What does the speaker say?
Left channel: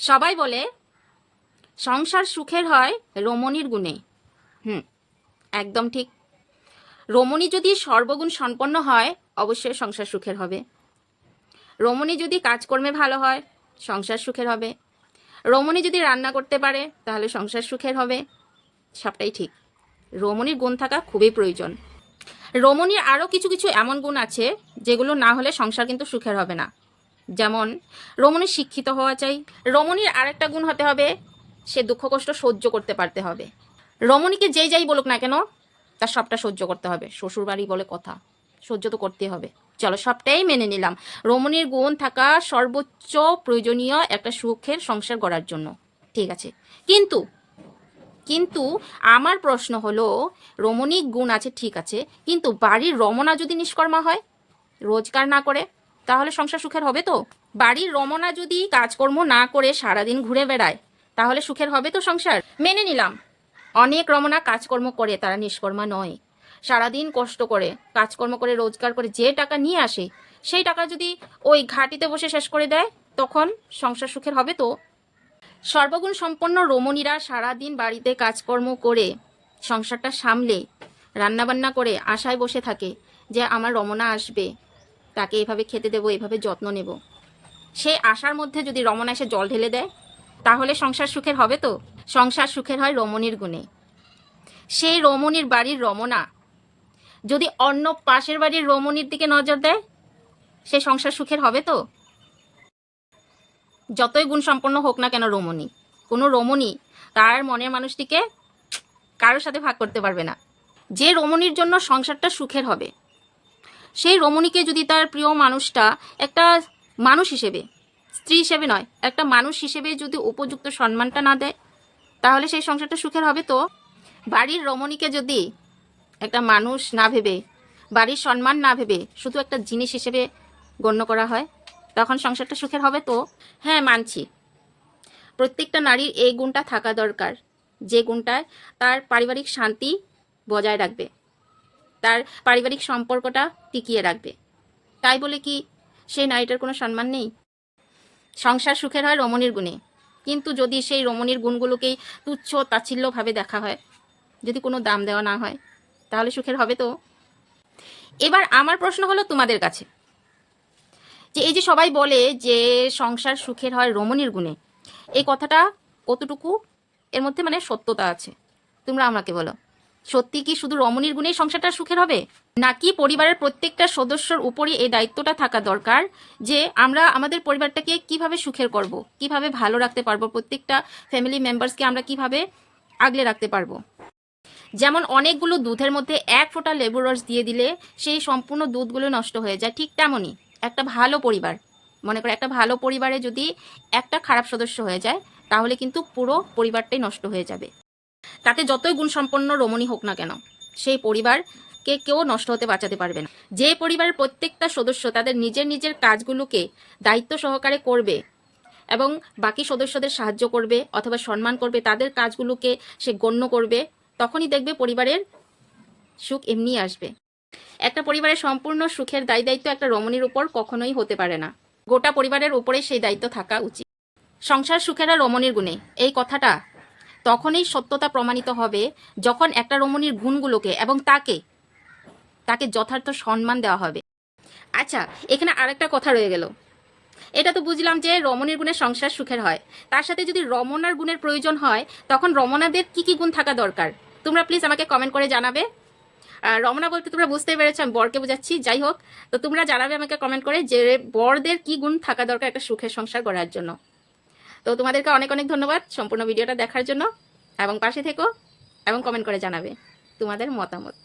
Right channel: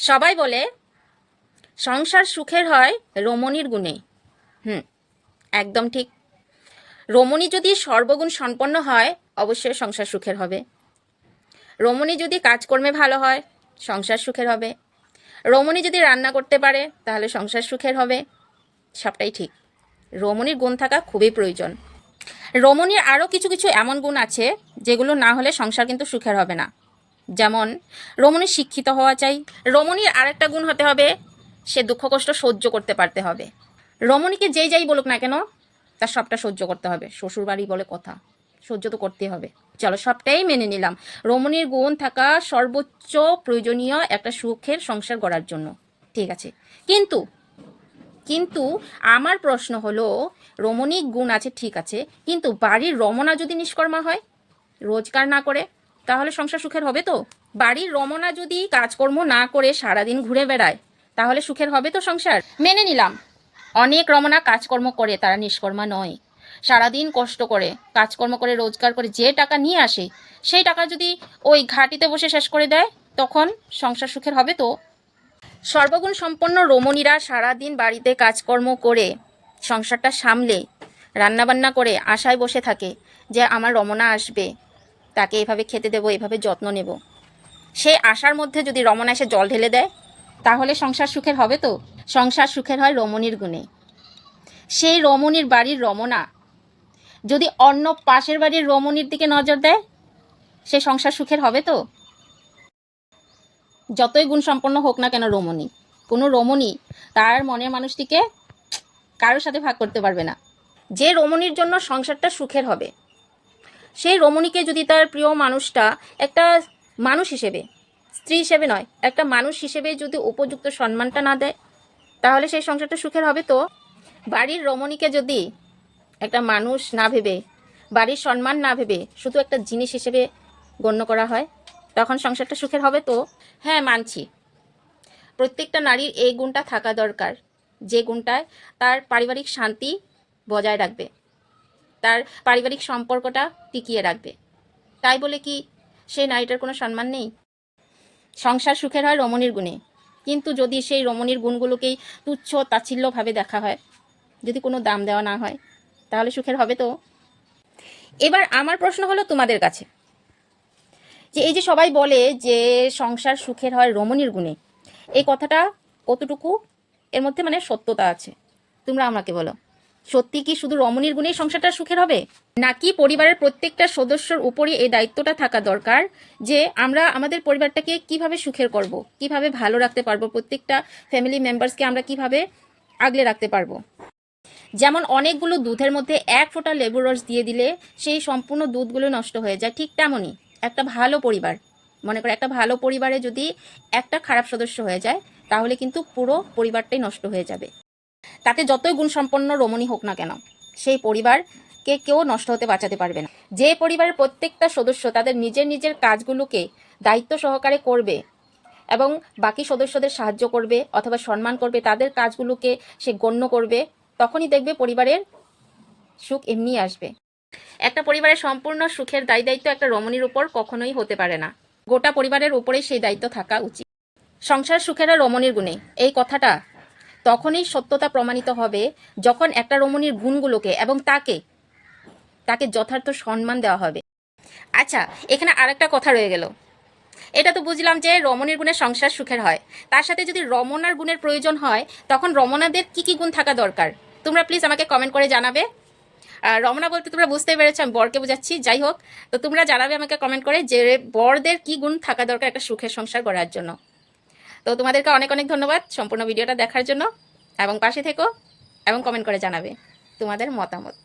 সবাই বলে, সংসার সুখের হয় রমণীর গুণে। হুম, একদম ঠিক। রমণী যদি সর্বগুণ সম্পন্ন হয়, অবশ্যই সংসার সুখের হবে। রমণী যদি কাজকর্মে ভালো হয়, সংসার সুখের হবে। রমণী যদি রান্না করতে পারে, তাহলে সংসার সুখের হবে। সবটাই ঠিক। রমণীর গুণ থাকা খুবই প্রয়োজন। রমণীর আরও কিছু কিছু এমন গুণ আছে, যেগুলো না হলে সংসার কিন্তু সুখের হবে না। যেমন, রমণী শিক্ষিত হওয়া চাই। রমণীর আরেকটা গুণ হতে হবে, সে দুঃখ কষ্ট সহ্য করতে পারতে হবে। রমণীকে যেই যাই বলুক না কেন, তার সবটা সহ্য করতে হবে। শ্বশুর বাড়ি বলে কথা, সহ্য তো করতেই হবে। চলো সবটাই মেনে নিলাম। রমণীর গুণ থাকা সর্বোচ্চ প্রয়োজনীয় একটা সুখের সংসার গড়ার জন্য। ঠিক আছে। কিন্তু কিন্তু আমার প্রশ্ন হলো রমণীক গুণ আছে, ঠিক আছে। কিন্তু বাড়ির রমনা যদি নিষ্কর্মা হয়, রোজগার না করে তাহলে সংসার সুখের হবে তো? বাড়ির রমনা যদি কাজকর্ম না করে সারাদিন ঘুরে বেড়ায়, তাহলে সুখের হবে তো সংসার? মেনে নিলাম। অনেক রমনা কাজকর্ম করে, তারা নিষ্কর্মা নয়। সারাদিন কষ্ট করে, কাজকর্ম করে, রোজগার করে যে টাকা নিয়ে আসে, সেই টাকা যদি ওই ঘাটিতে বসে শেষ করে দেয়, তখন সংসার সুখের হবে তো? সর্বগুণ সম্পন্ন রমণীরা সারাদিন বাড়িতে কাজকর্ম করে, সংসারটা সামলে, রান্নাবান্না করে, আশায় বসে থাকে যে আমার রমনা আসবে। তাকে এভাবে খেতে দেবো, এভাবে যত্ন নেব। সেই আশার মধ্যে যদি রমণা এসে জল ঢেলে দেয়, তাহলে সংসার সুখের হবে তো? সংসার সুখের হয় রমণীর গুণে। সেই রমণীর বাড়ির রমনা যদি অন্য পাশের বাড়ির রমণীর দিকে নজর দেয়, সে সংসার সুখের হবে তো? যতই গুণ সম্পন্ন হোক না কেন রমণী, কোনো রমণী তার মনের মানুষটিকে কারোর সাথে ভাগ করতে পারবে না। যে রমণীর জন্য সংসারটা সুখের হবে। সেই রমণীকে যদি তার প্রিয় মানুষটা একটা মানুষ হিসেবে, স্ত্রী হিসেবে নয়, একটা মানুষ হিসেবে যদি উপযুক্ত সম্মানটা না দেয়, তাহলে সেই সংসারটা সুখের হবে তো? বাড়ির রমণীকে যদি একটা মানুষ না ভেবে, বাড়ির সম্মান না ভেবে শুধু একটা জিনিস হিসেবে গণ্য করা হয়, তখন সংসারটা সুখের হবে তো? হ্যাঁ মানছি। প্রত্যেকটা নারীর এই গুণটা থাকা দরকার। যে গুণটায় তার পারিবারিক শান্তি বজায় রাখবে। তার পারিবারিক সম্পর্কটা টিকিয়ে রাখবে। তাই বলে কি সেই নারীটার কোনো সম্মান নেই? সংসার সুখের হয় রমণীর গুণে। কিন্তু যদি সেই রমণীর গুণগুলোকেই তুচ্ছ তাচ্ছিল্যভাবে দেখা হয়, যদি কোনো দাম দেওয়া না হয়, তাহলে সুখের হবে তো? এবার আমার প্রশ্ন হলো তোমাদের কাছে। যে এই যে সবাই বলে যে সংসার সুখের হয় রমণীর গুণে, এই কথাটা কতটুকু এর মধ্যে মানে সত্যতা আছে? তোমরা আমাকে বলো। সত্যি কি শুধু রমণীর গুণেই সংসারটা সুখের হবে? নাকি পরিবারের প্রত্যেকটা সদস্যর উপরে এই দায়িত্বটা থাকা দরকার যে আমরা আমাদের পরিবারটাকে কীভাবে সুখের করব? কীভাবে ভালো রাখতে পারব? প্রত্যেকটা ফ্যামিলি মেম্বার্সকে আমরা কীভাবে আগলে রাখতে পারব? যেমন অনেকগুলো দুধের মধ্যে এক ফোঁটা লেবুর রস দিয়ে দিলে সেই সম্পূর্ণ দুধগুলো নষ্ট হয়ে যায়। ঠিক তেমনই একটা ভালো পরিবার, মনে করে একটা ভালো পরিবারে যদি একটা খারাপ সদস্য হয়ে যায়, তাহলে কিন্তু পুরো পরিবারটাই নষ্ট হয়ে যাবে। তাতে যতই গুণসম্পন্ন রমণী হোক না কেন, সেই পরিবারকে কেউ নষ্ট হতে বাঁচাতে পারবে না। যে পরিবারের প্রত্যেকটা সদস্য তাদের নিজের নিজের কাজগুলোকে দায়িত্ব সহকারে করবে এবং বাকি সদস্যদের সাহায্য করবে অথবা সম্মান করবে, তাদের কাজগুলোকে সে গণ্য করবে, তখনই দেখবে পরিবারের সুখ এমনি আসবে। একটা পরিবারের সম্পূর্ণ সুখের দায় দায়িত্ব একটা রমণীর উপর কখনোই হতে পারে না। গোটা পরিবারের উপরে সেই দায়িত্ব থাকা উচিত। সংসার সুখেরা রমণীর গুণে। এই কথাটা তখনই সত্যতা প্রমাণিত হবে যখন একটা রমণীর গুণগুলোকে এবং তাকে তাকে যথার্থ সম্মান দেওয়া হবে। আচ্ছা এখানে আরেকটা কথা রয়ে গেল। এটা তো বুঝলাম যে রমণীর গুণের সংসার সুখের হয়। তার সাথে যদি রমনার গুণের প্রয়োজন হয়, তখন রমনাদের কি কি গুণ থাকা দরকার? তোমরা প্লিজ আমাকে কমেন্ট করে জানাবে। রমনা বলতে তোমরা বুঝতেই পেরেছ, আমি বরকে বোঝাচ্ছি। যাই হোক, তো তোমরা জানাবে আমাকে কমেন্ট করে যে বরদের কি গুণ থাকা দরকার একটা সুখের সংসার গড়ার জন্য। তো তোমাদেরকে অনেক অনেক ধন্যবাদ সম্পূর্ণ ভিডিওটা দেখার জন্য। এবং পাশে থেকো এবং কমেন্ট করে জানাবে তোমাদের মতামত।